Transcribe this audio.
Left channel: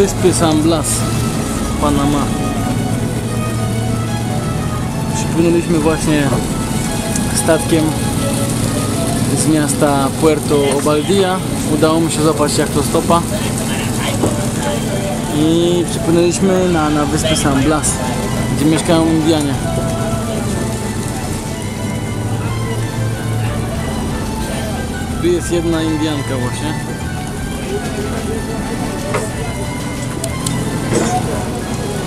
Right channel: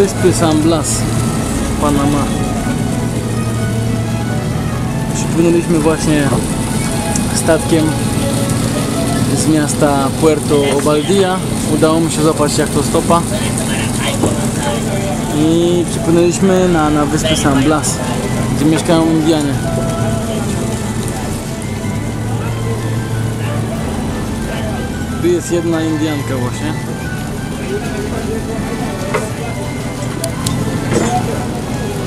wyspy San Blas, Panama. Przypłynęliśmy właśnie statkiem z miasta Puerto Obaldia. Udało mi się złapać jak to stopa. I przypłynęliśmy na, na wyspę San Blas, gdzie mieszkają Indianie. Tu jest jedna Indianka właśnie. Спасибо.